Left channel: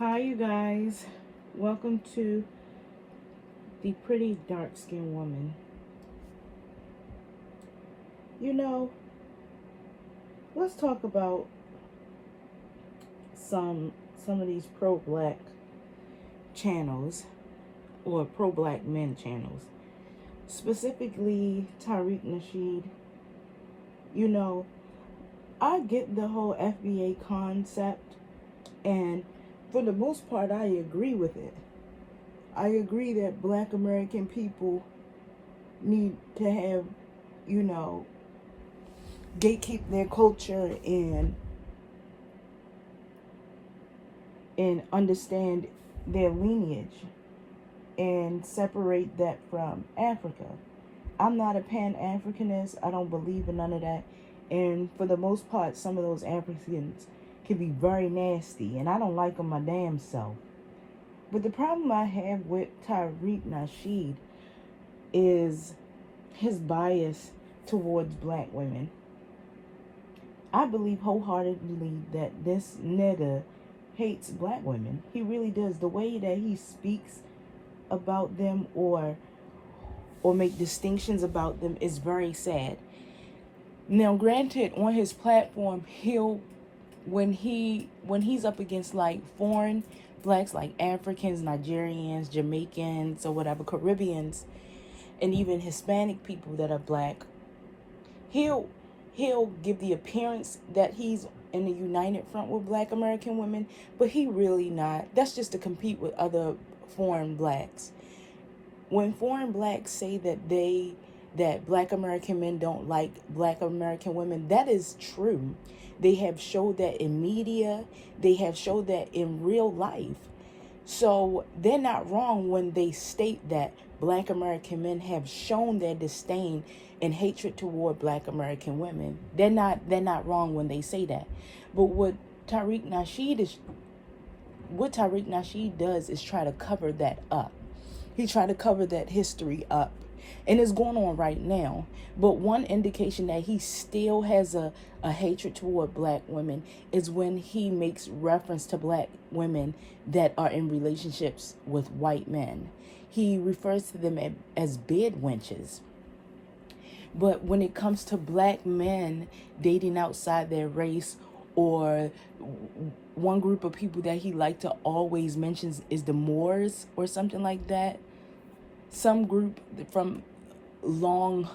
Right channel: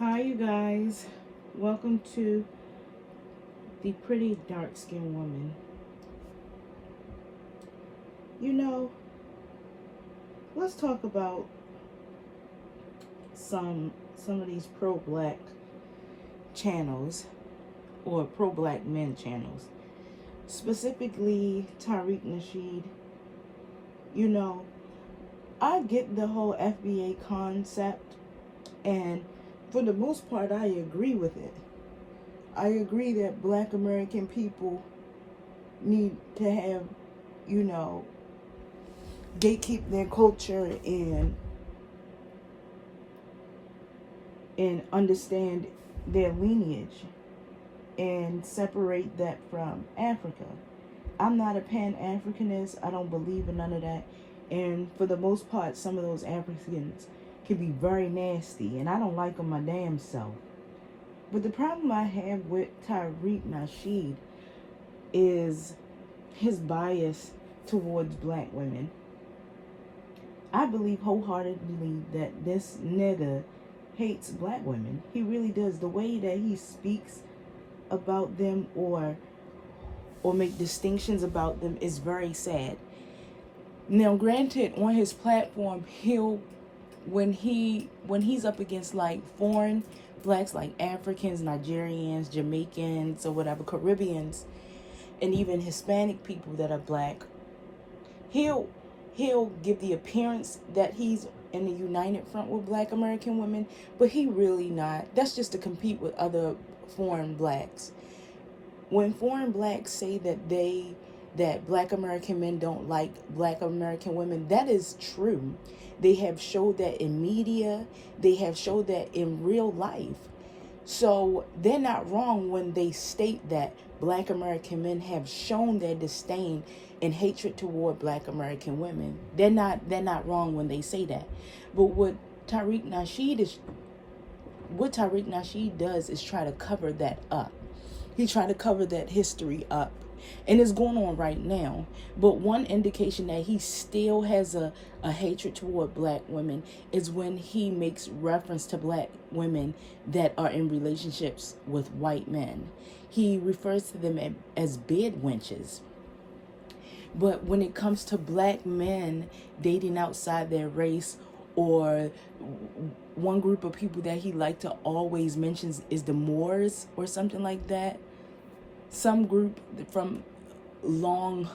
Hi, you guys. Welcome to the pretty dark skinned woman. You know, let's talk about some of these pro black channels or pro black men channels. Specifically Tariq Nasheed. You know, I get the whole FBA concept, and for the most part I agree with it. I agree that black American people need to have, you know, gatekeep their culture and understand their lineage and separate that from Africa. I'm not a Pan-Africanist. I don't believe in none of that. And for the most part, some of those Africans can be very nasty, and I don't like them my damn self. But the problem I have with Tariq Nasheed is his bias towards black women. I believe wholeheartedly that this nigga hates black women. He really does. The way that he speaks about them or make distinctions about them is very sad. Now, granted, on his platform, when he's up against like foreign blacks, like Africans, Nigerians, Jamaicans, or whatever, Caribbeans, and even Hispanic people that are black, he'll give the appearance that he's in the united front with black American women, but he really not. That's just to compete with other foreign blacks. When foreign blacks say that black American men don't like black American women, that is true. They have showed that in media. They have showed that in real life. So they're not wrong when they state that black American men have shown their disdain and hatred toward black American women. They're not wrong when they say that. But what Tariq Nasheed does is try to cover that up. He tried to cover that history up. And it's going on right now. But one indication that he still has a hatred toward black women is when he makes reference to black women that are in relationships with white men. He refers to them as bed wenches. But when it comes to black men dating outside their race, or one group of people that he like to always mentions is the Moors or something like that. Some group from long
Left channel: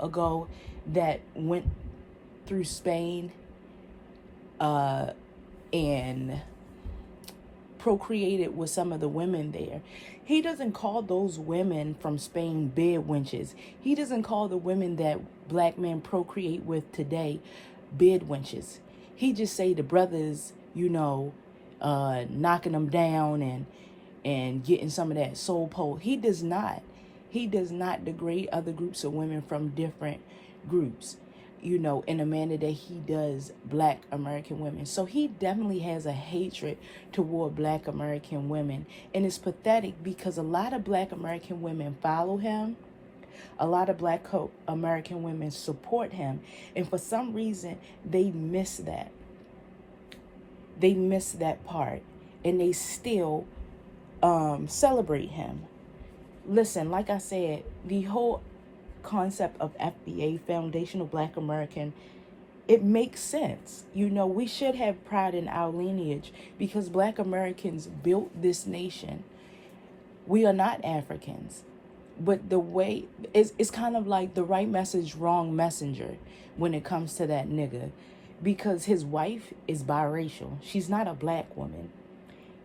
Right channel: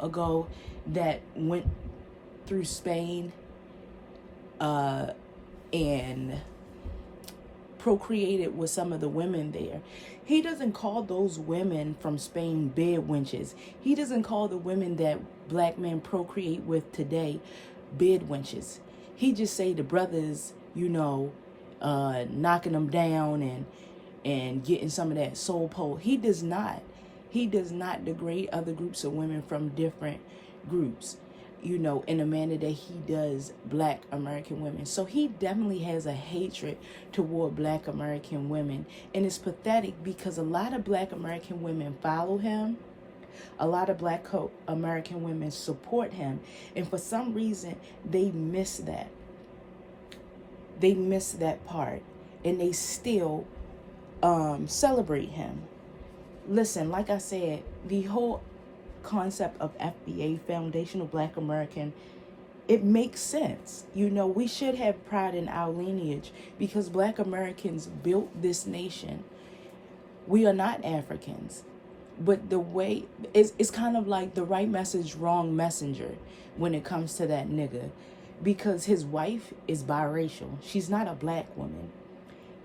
ago that went through Spain and procreated with some of the women there. He doesn't call those women from Spain bed wenches. He doesn't call the women that black men procreate with today bed wenches. He just say the brothers, knocking them down and getting some of that soul pole. He does not degrade other groups of women from different groups, in a manner that he does black American women. So he definitely has a hatred toward black American women. And it's pathetic because a lot of black American women follow him. A lot of black American women support him. And for some reason, they miss that. They miss that part. And they still celebrate him. Listen, like I said, the whole concept of FBA, Foundational Black American, it makes sense. We should have pride in our lineage because black Americans built this nation. We are not Africans. But the way, it's kind of like the right message, wrong messenger when it comes to that nigga. Because his wife is biracial. She's not a black woman.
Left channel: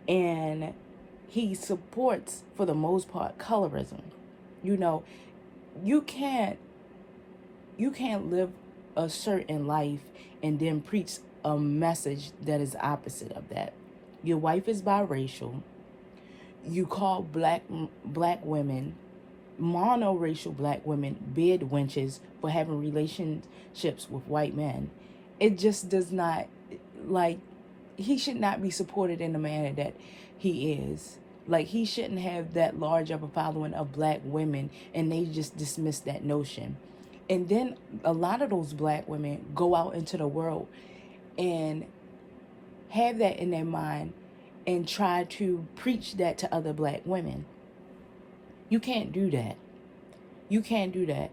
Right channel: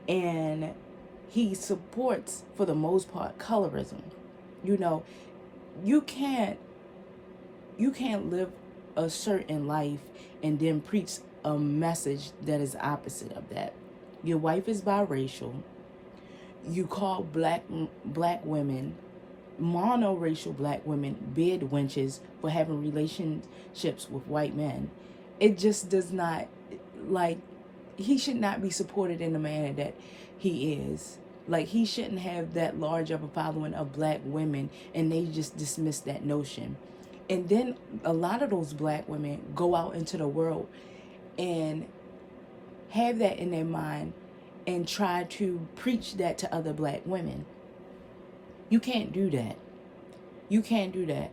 And he supports, for the most part, colorism. You can't live a certain life and then preach a message that is opposite of that. Your wife is biracial. You call black women, monoracial black women, bed wenches for having relationships with white men. It just does not, he should not be supported in the manner that he is. He shouldn't have that large of a following of black women, and they just dismiss that notion. And then a lot of those black women go out into the world and have that in their mind and try to preach that to other black women. You can't do that. You can't do that.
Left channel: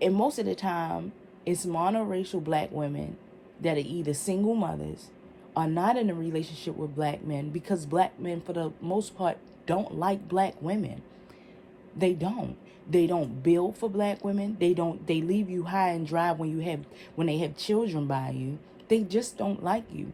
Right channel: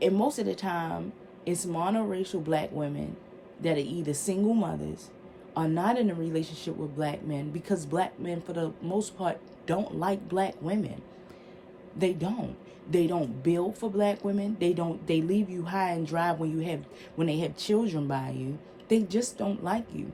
And most of the time, it's monoracial black women that are either single mothers or not in a relationship with black men, because black men, for the most part, don't like black women. They don't. They don't build for black women. They don't. They leave you high and dry when they have children by you. They just don't like you.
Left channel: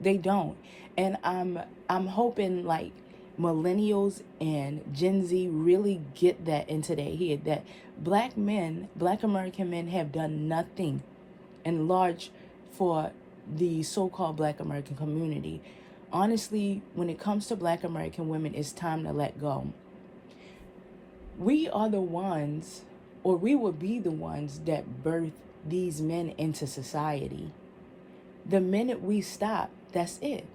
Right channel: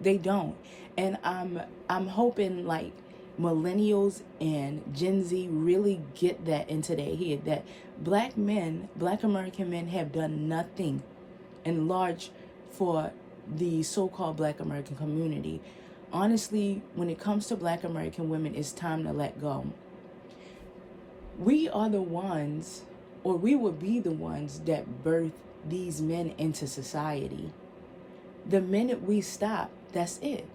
They don't. And I'm hoping like millennials and Gen Z really get that into their head, that black men, black American men, have done nothing in large for the so-called black American community. Honestly, when it comes to black American women, it's time to let go. We are the ones, or we would be the ones, that birth these men into society. The minute we stop, that's it.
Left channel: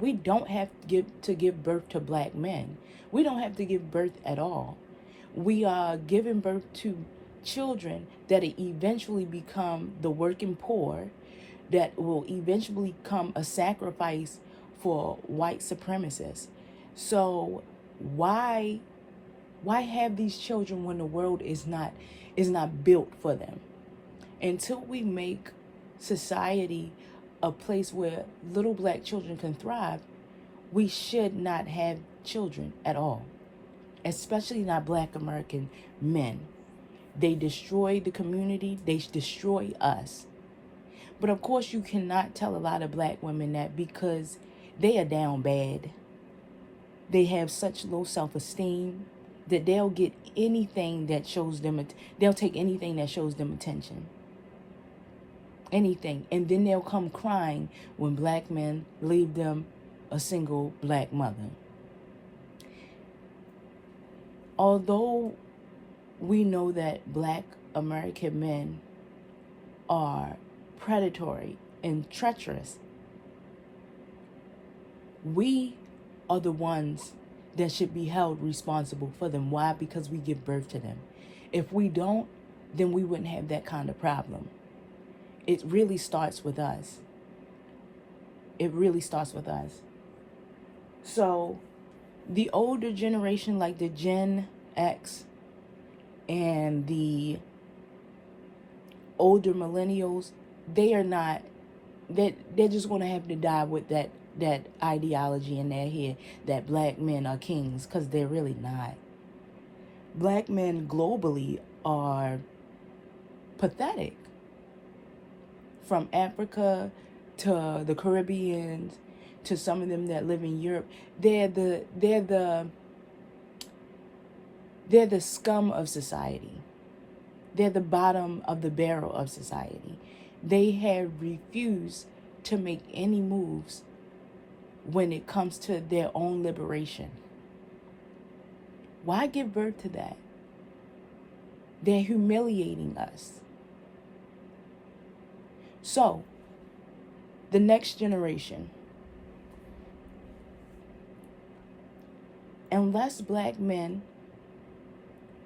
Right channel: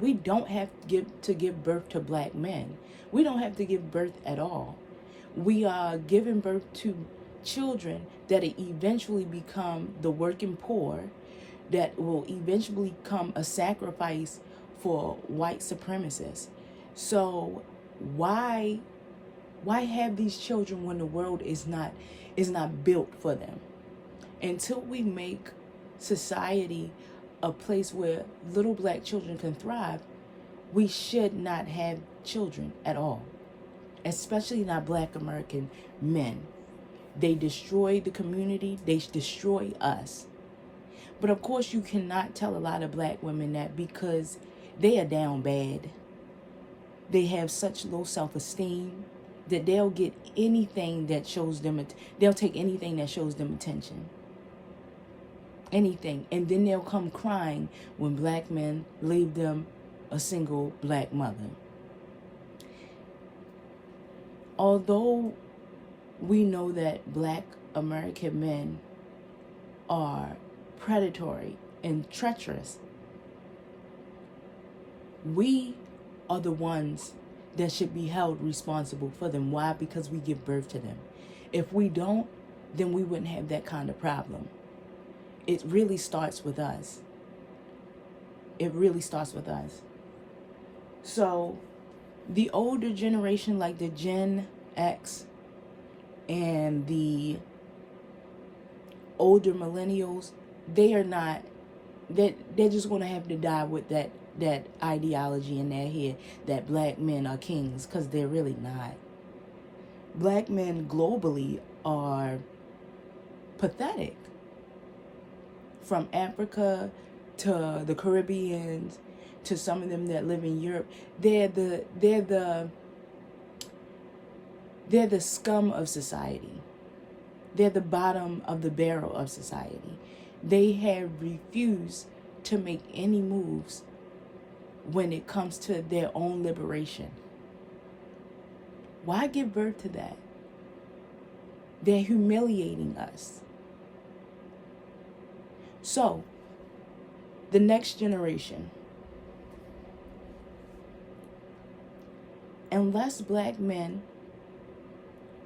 We don't have to give birth to black men. We don't have to give birth at all. We are giving birth to children that eventually become the working poor, that will eventually become a sacrifice for white supremacists. So why have these children when the world is not built for them? Until we make society a place where little black children can thrive, we should not have children at all, especially not black American men. They destroy the community. They destroy us. But of course, you cannot tell a lot of black women that, because they are down bad. They have such low self-esteem that they'll get anything that shows them, they'll take anything that shows them attention. Anything. And then they'll come crying when black men leave them a single black mother. Although we know that black American men are predatory and treacherous, we are the ones that should be held responsible for them. Why? Because we give birth to them. If we don't, then we wouldn't have that kind of problem. It really starts with us. It really starts with us. So the older generation, like the Gen X and the older millennials, they're just going to have to die with that ideology in their head that black men are kings, because they're really not. Black men globally are pathetic. From Africa to the Caribbean to some of them that live in Europe, they're the scum of society. They're the bottom of the barrel of society. They have refused to make any moves when it comes to their own liberation. Why give birth to that? They're humiliating us. So, the next generation, unless black men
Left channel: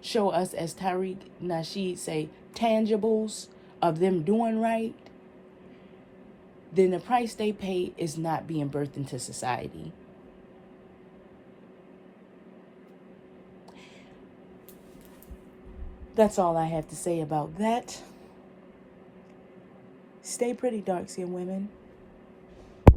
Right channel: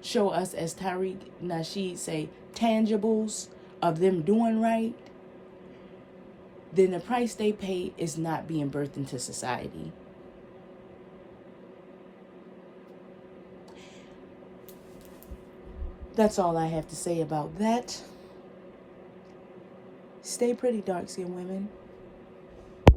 show us, as Tariq Nasheed say, tangibles of them doing right, then the price they pay is not being birthed into society. That's all I have to say about that. Stay pretty, dark-skinned women.